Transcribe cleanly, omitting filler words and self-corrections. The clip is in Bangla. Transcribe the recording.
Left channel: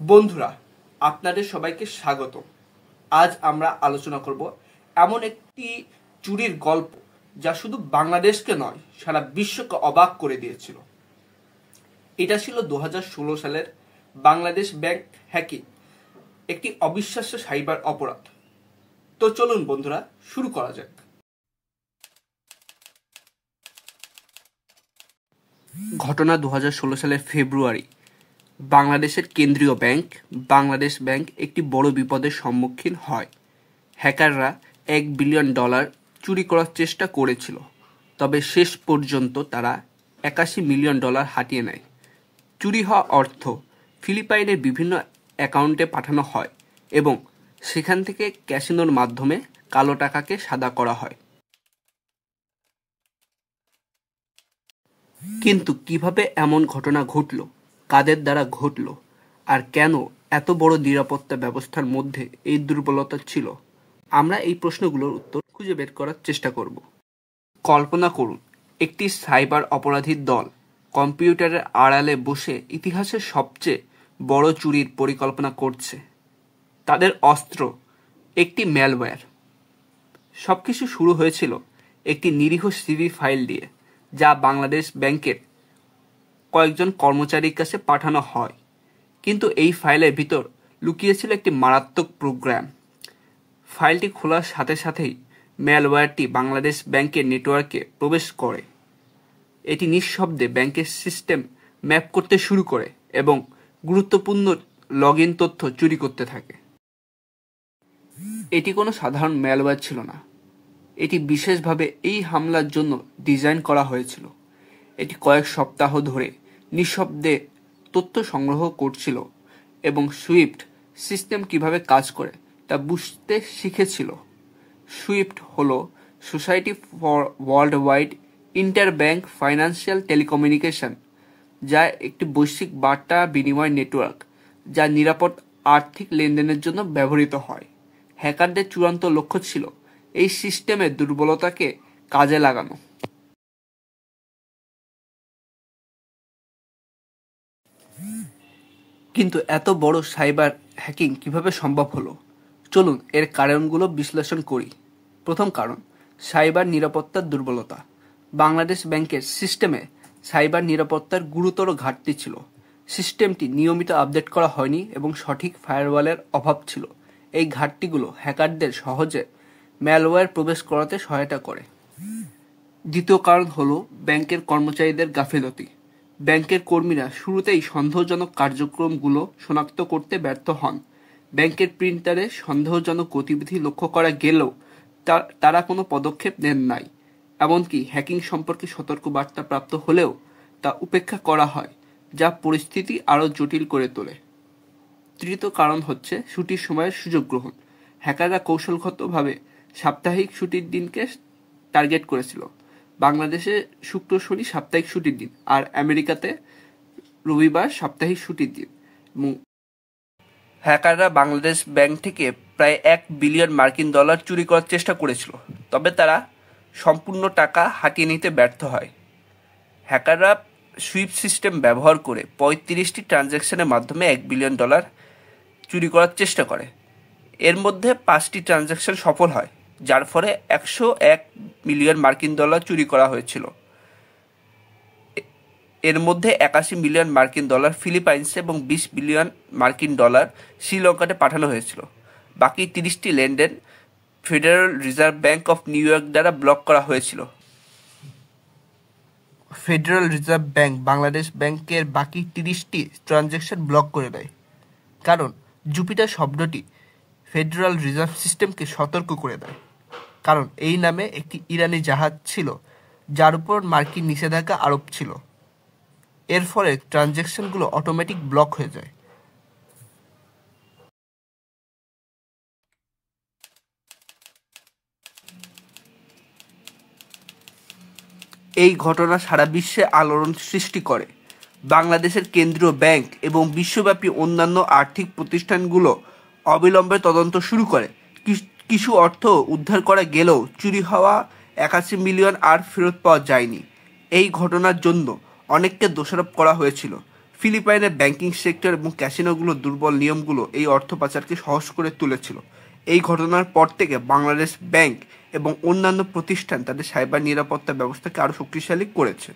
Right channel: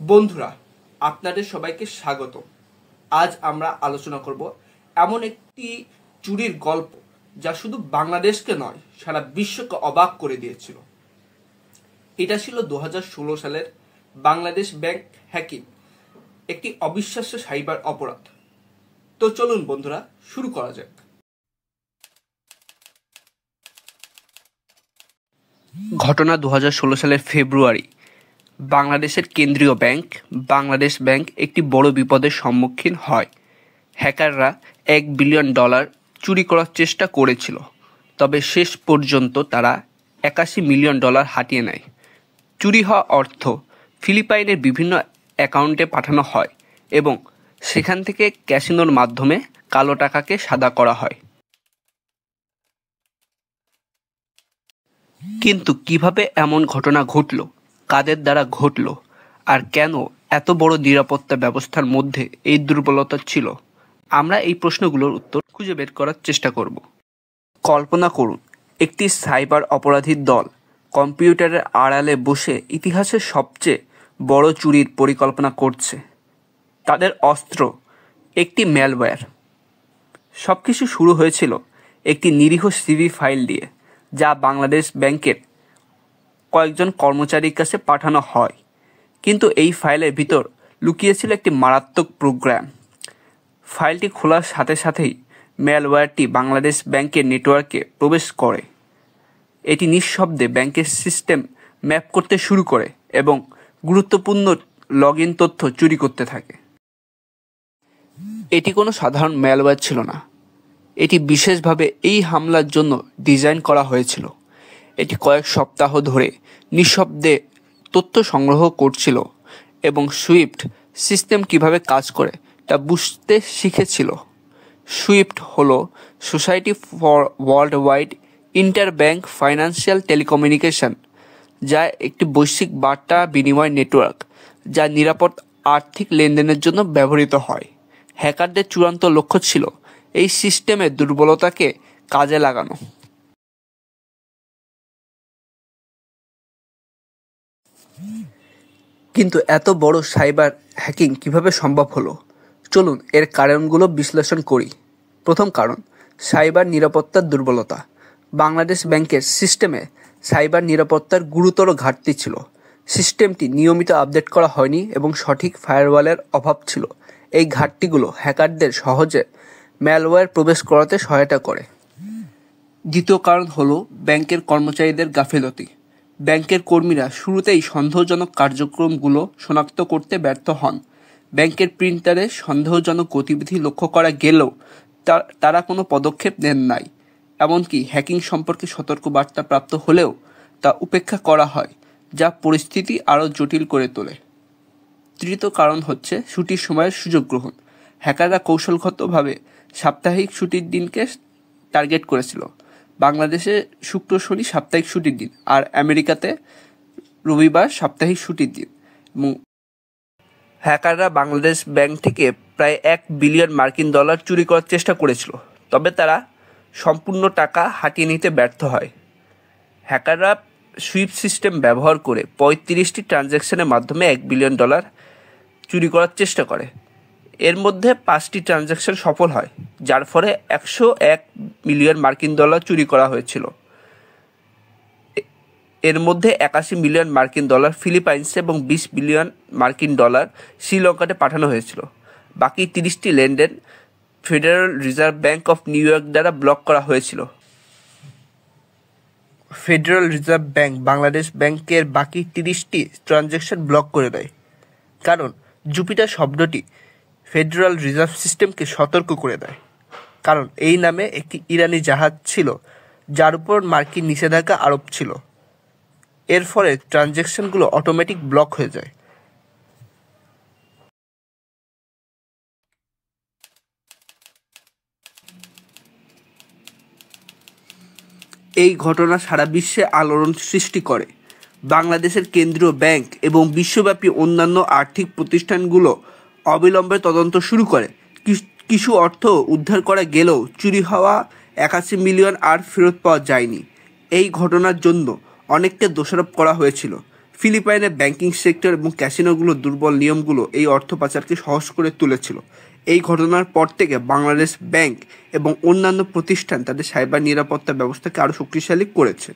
বন্ধুরা, আপনাদের সবাইকে স্বাগত। আজ আমরা আলোচনা করব এমন একটি চুরির গল্প যা শুধু বাংলাদেশকে নয়, সারা বিশ্বকে অবাক করে দিয়েছিল। এটা ছিল 2016 সালের বাংলাদেশ ব্যাংক হ্যাকিং, একটি অবিশ্বাস্য সাইবার অপরাধ। তো চলুন বন্ধুরা, শুরু করা যাক। ঘটনা 2016 সালের ফেব্রুয়ারি। বাংলাদেশের কেন্দ্রীয় ব্যাংক বাংলাদেশ ব্যাংক একটি বড় বিপদের সম্মুখীন হয়। হ্যাকাররা $1 বিলিয়ন চুরি করার চেষ্টা করেছিল, তবে শেষ পর্যন্ত তারা $81 মিলিয়ন হাতিয়ে নেয়। চুরি হওয়া অর্থ ফিলিপাইনের বিভিন্ন অ্যাকাউন্টে পাঠানো হয় এবং সেখান থেকে ক্যাসিনোর মাধ্যমে কালো টাকাকে সাদা করা হয়। কিন্তু কিভাবে এমন ঘটনা ঘটল, কাদের দ্বারা ঘটল, আর কেন এত বড় নিরাপত্তা ব্যবস্থার মধ্যে এই দুর্বলতা ছিল, আমরা এই প্রশ্নগুলোর উত্তর খুঁজে বের করার চেষ্টা করব। কল্পনা করুন, একটি সাইবার অপরাধীর দল কম্পিউটারের আড়ালে বসে ইতিহাসের সবচেয়ে বড় চুরির পরিকল্পনা করছে। তাদের অস্ত্র একটি ম্যালওয়্যার। সবকিছু শুরু হয়েছিল একটি নিরীহ সিভি ফাইল দিয়ে, যা বাংলাদেশ ব্যাংকের কয়েকজন কর্মচারীর কাছে পাঠানো হয়। কিন্তু এই ফাইলের ভিতর লুকিয়েছিল একটি মারাত্মক প্রোগ্রাম। ফাইলটি খোলার সাথে সাথেই ম্যালওয়্যারটি বাংলাদেশ ব্যাংকের নেটওয়ার্কে প্রবেশ করে। এটি নিঃশব্দে ব্যাংকের সিস্টেম ম্যাপ করতে শুরু করে এবং গুরুত্বপূর্ণ লগইন তথ্য চুরি করতে থাকে। এটি কোনো সাধারণ ম্যালওয়্যার ছিল না, এটি বিশেষভাবে এই হামলার জন্য ডিজাইন করা হয়েছিল। এটি কয়েক সপ্তাহ ধরে নিঃশব্দে তথ্য সংগ্রহ করছিল এবং সুইফট সিস্টেম কিভাবে কাজ করে তা বুঝতে শিখেছিল। সুইফট হলো society for world wide interbank financial telecommunication, যা একটি বৈশ্বিক বার্তা বিনিময় নেটওয়ার্ক যা নিরাপদ আর্থিক লেনদেনের জন্য ব্যবহৃত হয়। হ্যাকারদের চূড়ান্ত লক্ষ্য ছিল এই সিস্টেমের দুর্বলতাকে কাজে লাগানো। কিন্তু এত বড় সাইবার হ্যাকিং কিভাবে সম্ভব হলো? চলুন এর কারণগুলো বিশ্লেষণ করি। প্রথম কারণ, সাইবার নিরাপত্তার দুর্বলতা। বাংলাদেশ ব্যাংকের সিস্টেমে সাইবার নিরাপত্তার গুরুতর ঘাটতি ছিল। সিস্টেমটি নিয়মিত আপডেট করা হয়নি এবং সঠিক ফায়ারওয়ালের অভাব ছিল। এই ঘাটতিগুলো হ্যাকারদের সহজে ম্যালওয়্যার প্রবেশ করাতে সহায়তা করে। দ্বিতীয় কারণ হলো ব্যাংকের কর্মচারীদের গাফিলতি। ব্যাংকের কর্মীরা শুরুতেই সন্দেহজনক কার্যক্রমগুলো শনাক্ত করতে ব্যর্থ হন। ব্যাংকের প্রিন্টারে সন্দেহজনক গতিবিধি লক্ষ্য করা গেলেও তারা কোনো পদক্ষেপ নেন নাই। এমনকি হ্যাকিং সম্পর্কে সতর্কবার্তা প্রাপ্ত হলেও তা উপেক্ষা করা হয়, যা পরিস্থিতি আরও জটিল করে তোলে। তৃতীয় কারণ হচ্ছে ছুটির সময়ের সুযোগ গ্রহণ। হ্যাকাররা কৌশলগতভাবে সাপ্তাহিক ছুটির দিনকে টার্গেট করেছিল। বাংলাদেশে শুক্র শনি সাপ্তাহিক ছুটির দিন, আর আমেরিকাতে রবিবার সাপ্তাহিক ছুটির দিন। হ্যাকাররা বাংলাদেশ ব্যাংক থেকে প্রায় $1 বিলিয়ন চুরি করার চেষ্টা করেছিল, তবে তারা সম্পূর্ণ টাকা হাতিয়ে নিতে ব্যর্থ হয়। হ্যাকাররা সুইফট সিস্টেম ব্যবহার করে 35টি ট্রানজ্যাকশনের মাধ্যমে $1 বিলিয়ন চুরি করার চেষ্টা করে। এর মধ্যে 5টি ট্রানজ্যাকশন সফল হয়, যার ফলে $101 মিলিয়ন চুরি করা হয়েছিল। এর মধ্যে $81 মিলিয়ন ফিলিপাইন্স এবং $20 বিলিয়ন শ্রীলঙ্কাতে পাঠানো হয়েছিল। বাকি 30টি লেনদেন federal reserve bank of new York দ্বারা ব্লক করা হয়েছিল। ফেডারেল রিজার্ভ ব্যাংক বাংলাদেশ ব্যাংকের বাকি 30টি ট্রানজ্যাকশন ব্লক করে দেয়, কারণ জুপিটার শব্দটি ফেডারেল রিজার্ভ সিস্টেমকে সতর্ক করে দেয়, কারণ এই নামে একটি ইরানি জাহাজ ছিল যার উপর মার্কিন নিষেধাজ্ঞা আরোপ ছিল। এর ফলে ট্রানজ্যাকশনগুলো অটোমেটিক ব্লক হয়ে যায়। এই ঘটনা সারা বিশ্বে আলোড়ন সৃষ্টি করে। বাংলাদেশের কেন্দ্রীয় ব্যাংক এবং বিশ্বব্যাপী অন্যান্য আর্থিক প্রতিষ্ঠানগুলো অবিলম্বে তদন্ত শুরু করে। কিছু অর্থ উদ্ধার করা গেলেও চুরি হওয়া $81 মিলিয়ন আর ফেরত পাওয়া যায়নি। এই ঘটনার জন্য অনেককে দোষারোপ করা হয়েছিল। ফিলিপাইনের ব্যাংকিং সেক্টর এবং ক্যাসিনোগুলোর দুর্বল নিয়মগুলো এই অর্থ পাচারকে সহজ করে তুলেছিল। এই ঘটনার পর থেকে বাংলাদেশ ব্যাংক এবং অন্যান্য প্রতিষ্ঠান তাদের সাইবার নিরাপত্তা ব্যবস্থাকে আরও শক্তিশালী করেছে।